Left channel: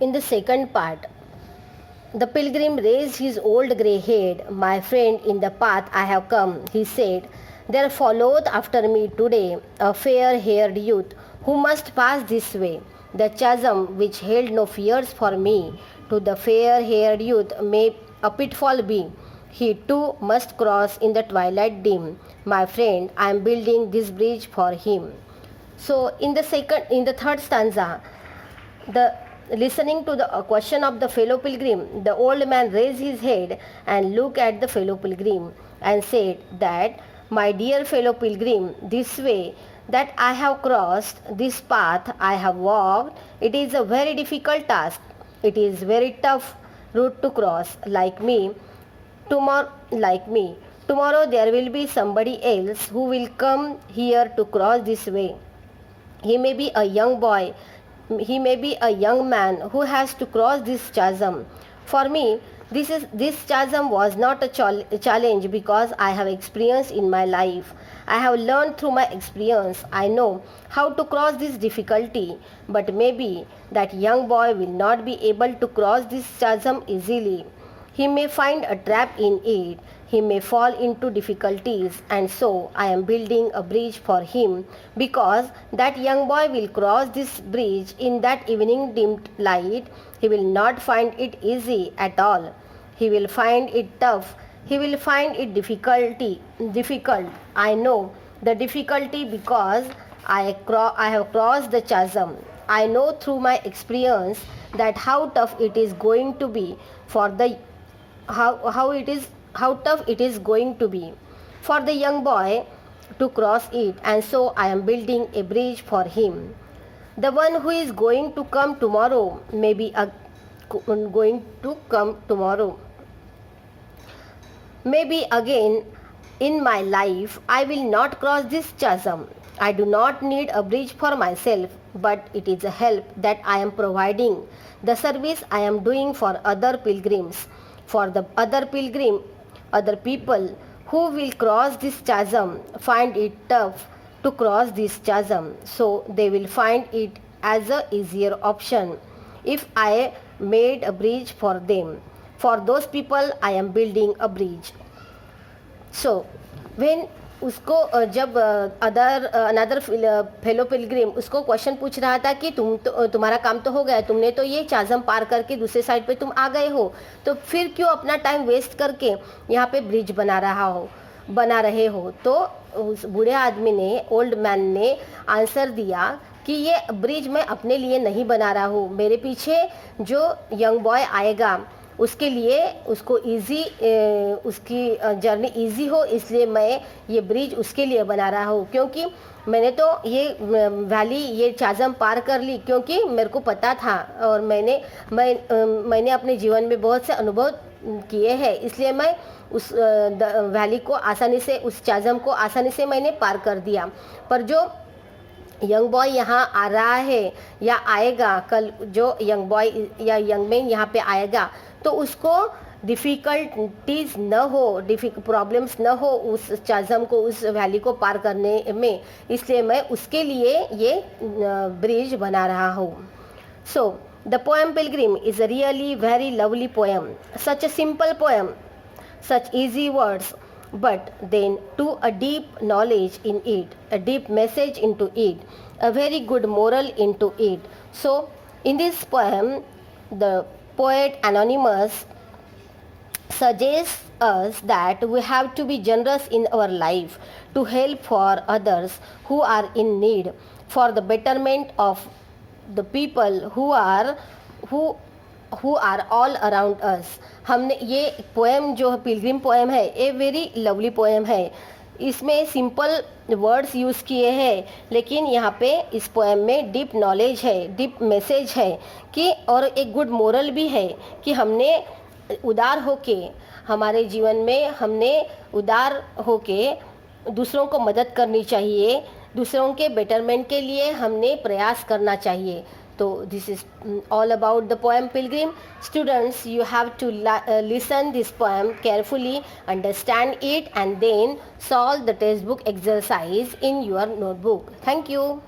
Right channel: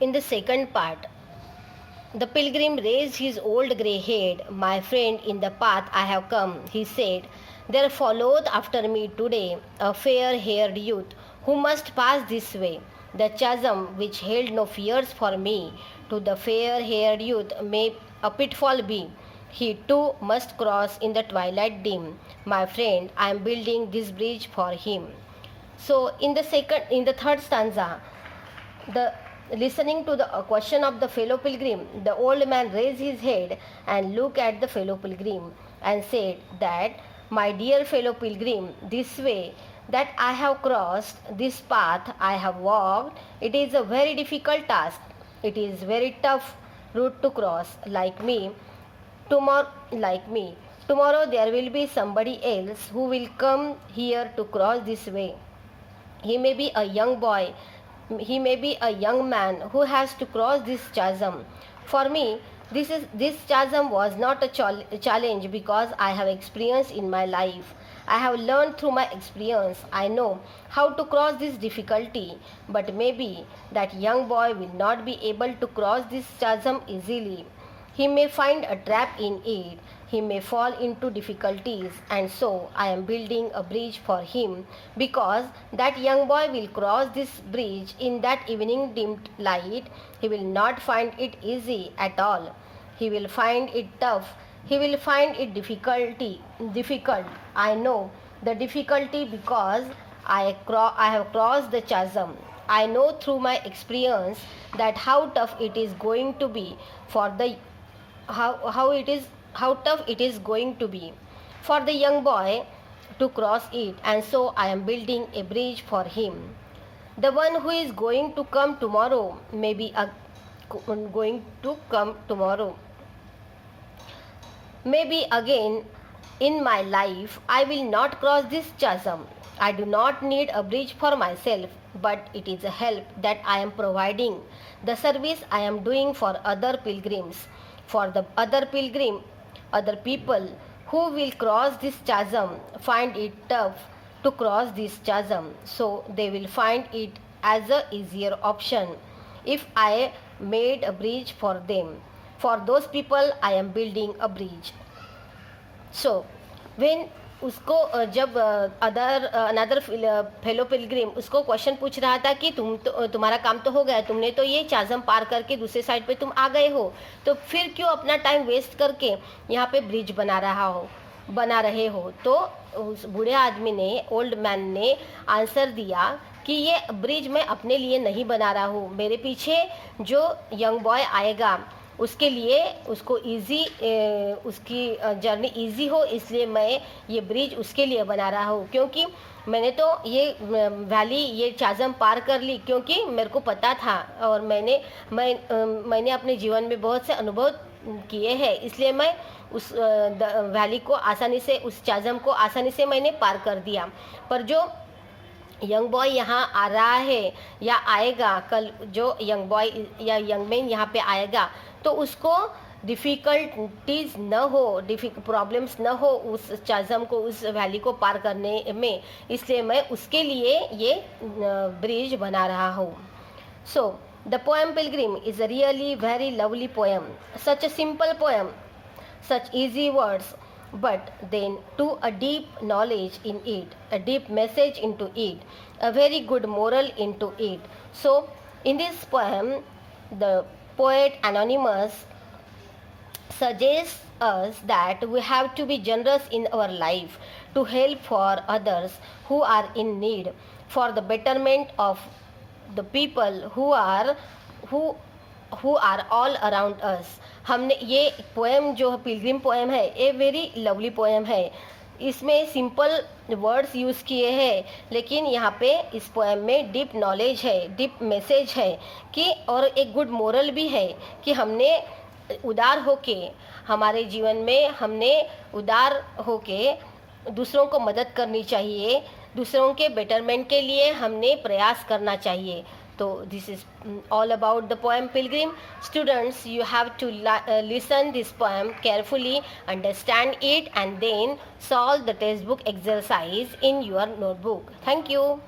In the second part, the pilgrim raised his old grey head. My friend, in the path I have come, he said, there followed after me today a fair haired youth who must pass this way. The chasm which held no fears for me, to the fair haired youth may a pitfall be. He too must cross in the twilight dim. My friend, I am building this bridge for him. So in the third stanza, the listening to the question of the fellow pilgrim, the old man raised his head and looked at the fellow pilgrim and said that, my dear fellow pilgrim, this way that I have crossed, this path I have walked, it is a very difficult task. It is very tough route to cross. Tomorrow there will be somebody else who will come here to cross this way. He may be a young boy, he may be a young man who has to cross this chasm. For me, this chasm was not a challenge because I have experience in my life. I have learned through my experience. I know how to cross this difficulty, but maybe that young boy will not be able to cross this chasm easily. He may find a trap in it. He may fall into difficulties, and so I am building a bridge for him, because that young boy will cross this bridge in that evening dimmed light. He will not find it easy at all. He will find it tough. He will find it difficult. I know the difficulty because I have crossed the chasm. I know through my experience that how tough it is going to be for the how tough it is going to be for the young boy to cross it, and so I am building a bridge for him. The one who is going to come tomorrow may be going to come tomorrow. Maybe again in my life I will not cross this chasm. I do not need a bridge for myself, but it is a help that I am providing, the service I am doing for other pilgrims. For the other people who will cross this chasm find it tough to cross this chasm, so they will find it as a easier option if I made a bridge for them. For those people I am building a bridge. So when उसको जब another fellow Pilgrim उसको question पूछ रहा था कि तुम्हारा काम तो हो गया, तुमने तो ये चाजम पार करके दूसरे साइड पे तुम आ गए हो, तो फिर क्यों अपना टाइम वेस्ट करके यहाँ पे ब्रिज बना रहे हो। तो उस बूढ़े आदमी ने, ओल्ड मैन ने आंसर दिया कि ये ब्रिज मैं अपने लिए नहीं बना रहा हूँ, मेरे पीछे जो यंग बॉय आएगा उसके लिए, उसको उसकी जर्नी इजी हो, इसलिए मैं ये ब्रिज उसके लिए बना रहा हूँ। क्योंकि मैंने तो ये चाजम पार कर ली क्योंकि मेरे को पता था और मैंने अपने जीवन में बहुत से अनुभव किए हैं, इसलिए मैं उस वैली को आसानी से, उस चाजम को आसानी से मैंने पार कर दिया। पर जो यंग बॉय यहाँ आ रहा है या आएगा, कल जो यंग बॉय या यंग मैन यहाँ पे आएगा, तो उसको डिफ़िकल्टीज न हो, प्रॉब्लम्स न हो उस चाजम को, उस वैली को पार करने में, इसलिए मैं उसके लिए ये ब्रिज बना रहा हूँ। So the poem Pilgrim is a really very lovely poem, such a simple poem, such easy words, but then to a deep knowledge in it, a deep message into it, a very good moral into it. So in this poem, the poet Anonymous suggests us that we have to be generous in our life, to help for others who are in need, for the betterment of the people who are all around us. हमने ये poem जो Pilgrim poem है, a very lovely poem है, इसमें simple words use किए हैं, लेकिन यहाँ पे इस पोएम में डीप नॉलेज है, डीप मैसेज है कि, और एक गुड मोरल भी है कि हमने उदार होके, हमारे जीवन में हमने उदार होके दूसरों को मदद करनी चाहिए, दूसरों के बेटरमेंट के लिए हमने प्रयास करना चाहिए। So this is all about the poem Pilgrim. Students, you have to listen this poem carefully, understand it, and then solve the textbook exercise in your notebook. Thank you.